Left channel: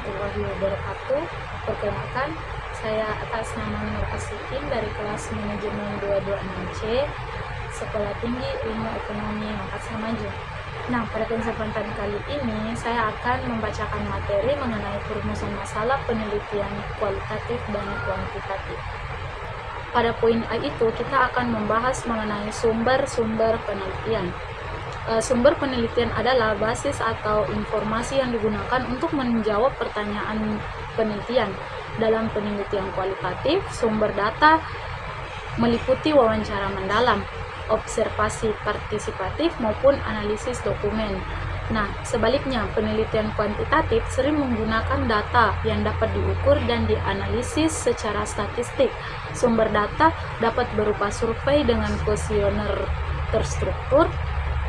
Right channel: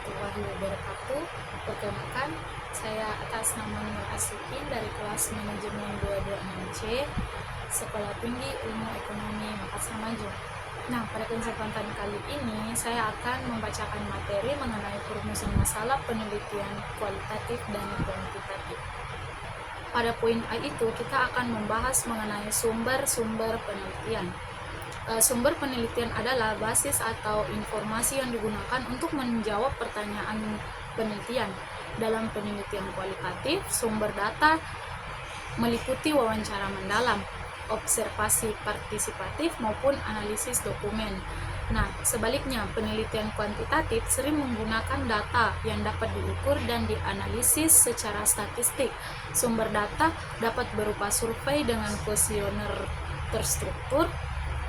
warahmatullahi wabarakatuh. Perkenalkan, saya atas nama Nur Aslikin dari kelas manajemen 226C, Sekolah Tinggi Ilmu Ekonomi Makassar Maju. Nah, pada kesempatan kali ini saya akan membacakan materi mengenai perumusan masalah penelitian kualitatif dan kuantitatif. Pada poin A itu kita akan membahas mengenai sumber-sumber penelitian. Sumber penelitian adalah basis atau informasi yang digunakan untuk menjawab pertanyaan penelitian. Dalam penelitian kualitatif, sumber data meliputi wawancara mendalam, observasi partisipatif maupun analisis dokumen. Nah, sebaliknya, penelitian kuantitatif sering menggunakan data yang dapat diukur dan dianalisis secara statistik. Sumber data dapat berupa survei dengan kuesioner terstruktur,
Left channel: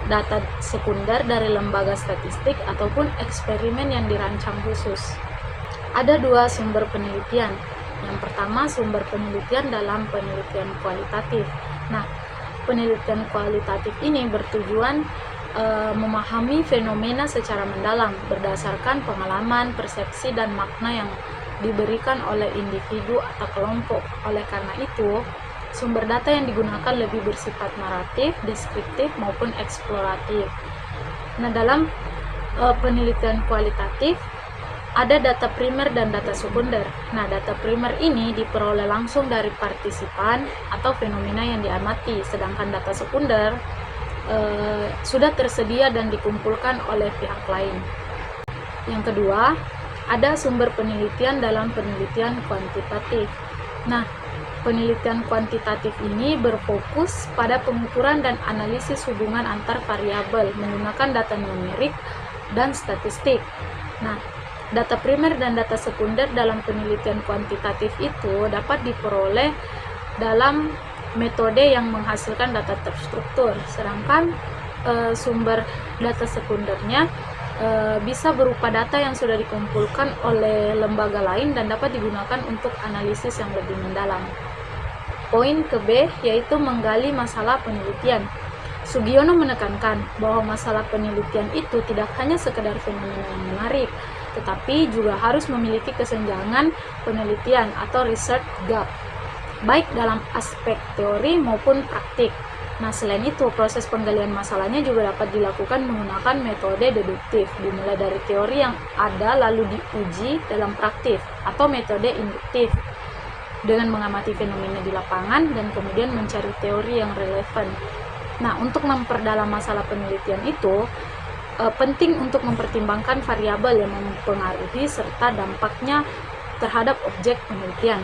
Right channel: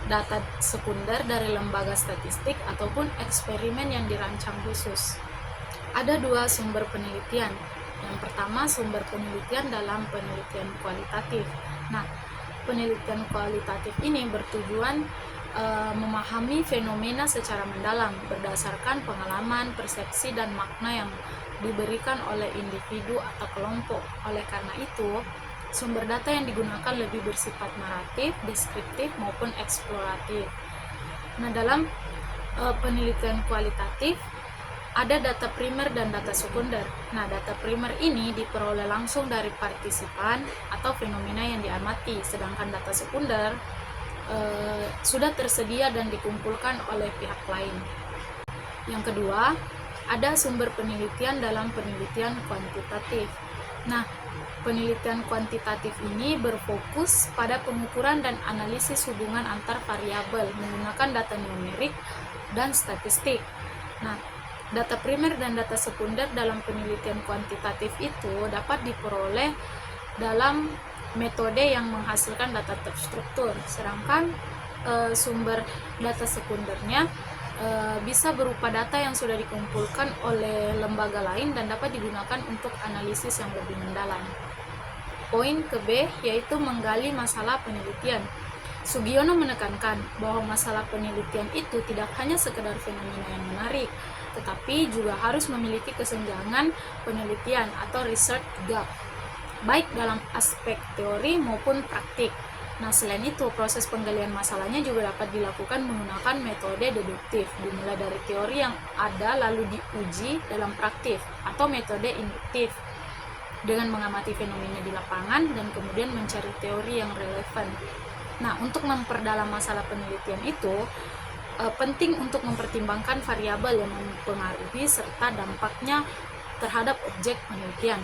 data sekunder dari lembaga statistik, ataupun eksperimen yang dirancang khusus. Ada dua sumber penelitian. Yang pertama, sumber penelitian dalam penelitian kualitatif. Nah, penelitian kualitatif ini bertujuan memahami fenomena secara mendalam berdasarkan pengalaman, persepsi, dan makna yang diberikan oleh individu atau kelompok. Oleh karena itu, sumber data yang digunakan lebih bersifat naratif, deskriptif, maupun eksploratif. Nah, dalam penelitian kualitatif ada data primer dan data sekunder. Nah, data primer ini diperoleh langsung dari partisipan atau fenomena yang diamati, sedangkan data sekunder sudah tersedia dan dikumpulkan oleh pihak lain. Yang kedua, ada sumber penelitian dalam penelitian kuantitatif. Nah, penelitian kuantitatif ini berfokus pada pengukuran dan analisis hubungan antar variabel menggunakan data numerik dan statistik. Nah, data primer dan data sekunder dalam penelitian kuantitatif itu dapat diperoleh dalam metode yang menghasilkan data terstruktur, sedangkan sumber data sekundernya bisa berupa data yang sudah dikumpulkan oleh lembaga lain dan dapat digunakan untuk analisis yang lebih mendalam. Poin ke B, yaitu menggali masalah penelitian. Sugiono menekankan bahwa masalah penelitian itu tidak hanya sekedar fenomena yang menarik, tetapi juga harus memiliki kesenjangan penelitian atau research gap, baik dalam aspek teori maupun praktik. Nah, selain itu, proses penggalian masalahnya juga dapat dilakukan menggunakan metode deduktif, dimulai dari teori yang ada lalu diuji dalam praktik, atau metode induktif, dengan mengamati fenomena di lapangan dan kemudian mencari teori yang relevan. Nah, untuk memperdalam masalah penelitian itu, penting untuk mempertimbangkan variabel yang mempengaruhi serta dampaknya terhadap objek penelitian.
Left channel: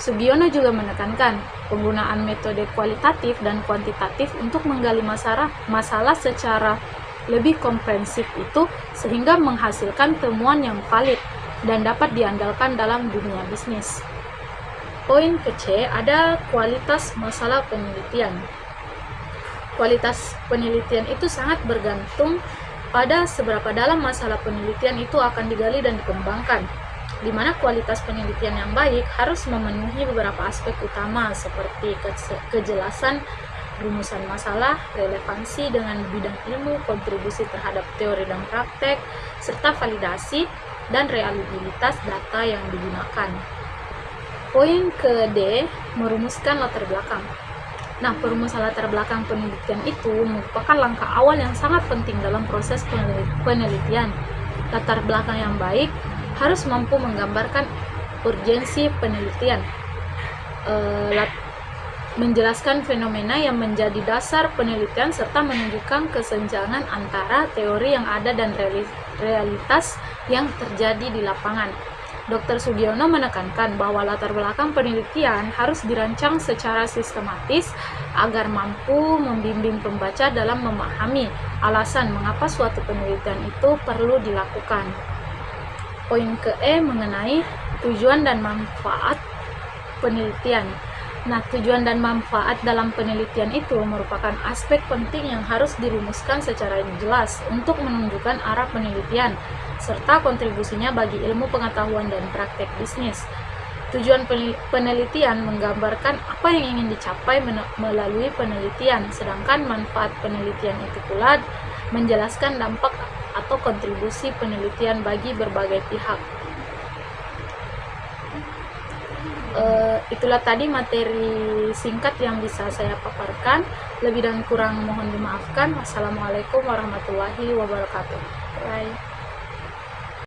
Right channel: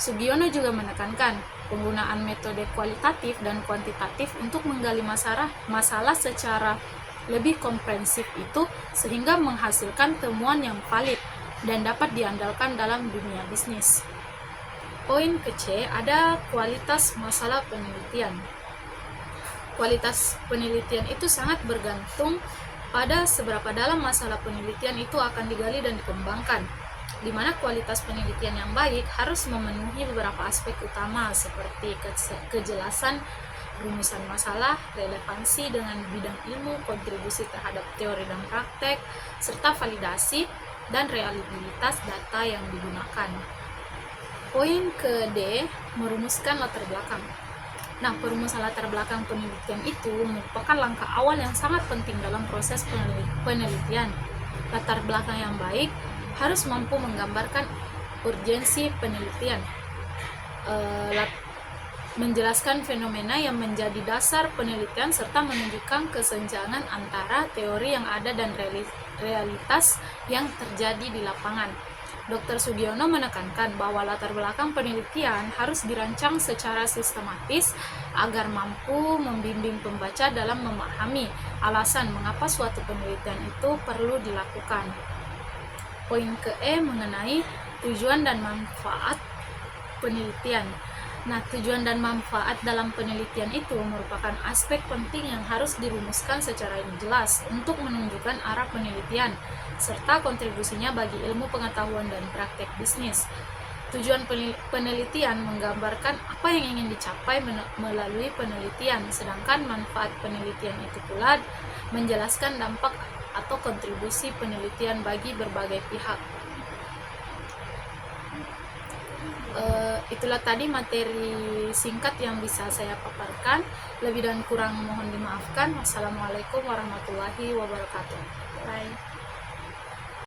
Sugiono juga menekankan penggunaan metode kualitatif dan kuantitatif untuk menggali masalah secara lebih komprehensif itu sehingga menghasilkan temuan yang valid dan dapat diandalkan dalam dunia bisnis. Poin ke C, ada kualitas masalah penelitian. Kualitas penelitian itu sangat bergantung pada seberapa dalam masalah penelitian itu akan digali dan dikembangkan, di mana kualitas penelitian yang baik harus memenuhi beberapa aspek utama seperti kejelasan rumusan masalah, relevansi dengan bidang ilmu, kontribusi terhadap teori dan praktek, serta validasi dan reliabilitas data yang digunakan. Poin ke D, merumuskan latar belakang. Nah, perumusan latar belakang penelitian itu merupakan langkah awal yang sangat penting dalam proses penelitian. Latar belakang yang baik harus mampu menggambarkan urgensi penelitian, menjelaskan fenomena yang menjadi dasar penelitian, serta menunjukkan kesenjangan antara teori yang ada dan realitas yang terjadi di lapangan. Dr. Sugiono menekankan bahwa latar belakang penelitian harus dirancang secara sistematis agar mampu membimbing pembaca dalam memahami alasan mengapa suatu penelitian itu perlu dilakukan. Poin ke E, mengenai tujuan dan manfaat penelitian. Nah, tujuan dan manfaat dalam penelitian itu merupakan aspek penting yang harus dirumuskan secara jelas untuk menunjukkan arah penelitian serta kontribusinya bagi ilmu pengetahuan dan praktek bisnis. Tujuan penelitian menggambarkan apa yang ingin dicapai melalui penelitian, sedangkan manfaat penelitian itu pula menjelaskan dampak atau kontribusi penelitian bagi berbagai pihak. Itulah tadi materi singkat yang bisa saya paparkan. Lebih dan kurang mohon dimaafkan. Wassalamualaikum warahmatullahi wabarakatuh. Bye.